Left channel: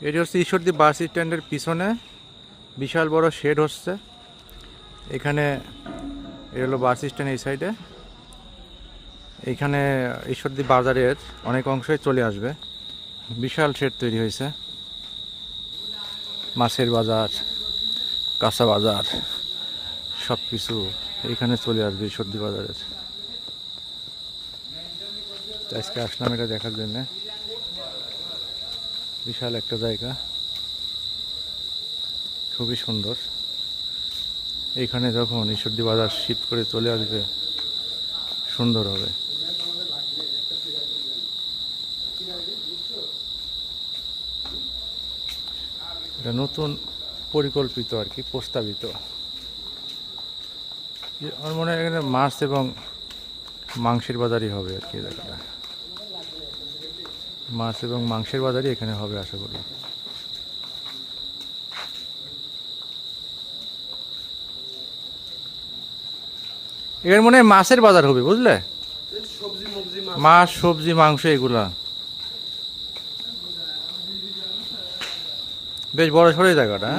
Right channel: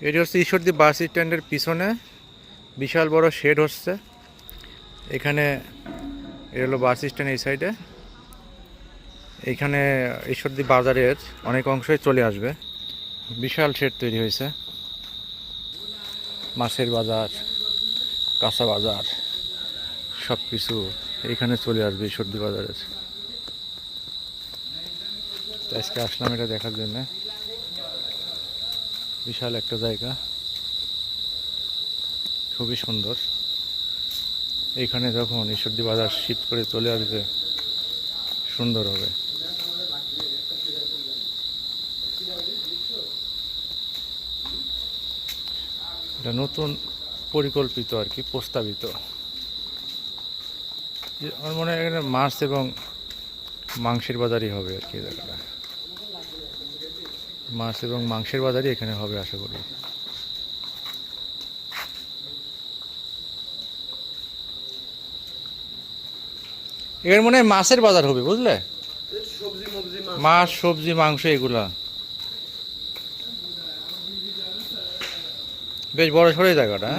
এটি হচ্ছে ঈশ্বরদী বাস স্ট্যান্ডের পিছনে বিশাল বড় শেড হচ্ছে। এখানে এ হলো বাস স্ট্যান্ড এই সাইডে। এইখানে ঈশ্বরদী বাজারের অনেক অংশই চলে আসবে। বিশাল শেড তৈরি হয়েছে। মাছের বাজার, কাঁচা বাজার সব কিছু এইখানে চলে আসবে ঈশ্বরদী বাজারের। আজকে আসলাম এটা দেখার জন্য। বিশাল একটা জায়গা, খুবই সুন্দর। এইখানে যখন ঈশ্বরদী বাজার শিফট করে চলে আসবে সুন্দর হবে। এটা নতুন পরিকল্পিত আর কি, প্রস্তাবিত। আমার মনে হয় এখানে মাছ এবং মাংসের বাজারই হবে আর কি। জায়গাটা মাছ এবং মাংসের বাজারই এখানে হবে আশা করি। এখানে মনে হয় মাছের বাজার হবে, বুঝলে? মাছ, সবজি, মাংস এগুলা বেশ বড় সড়ো জায়গাটা।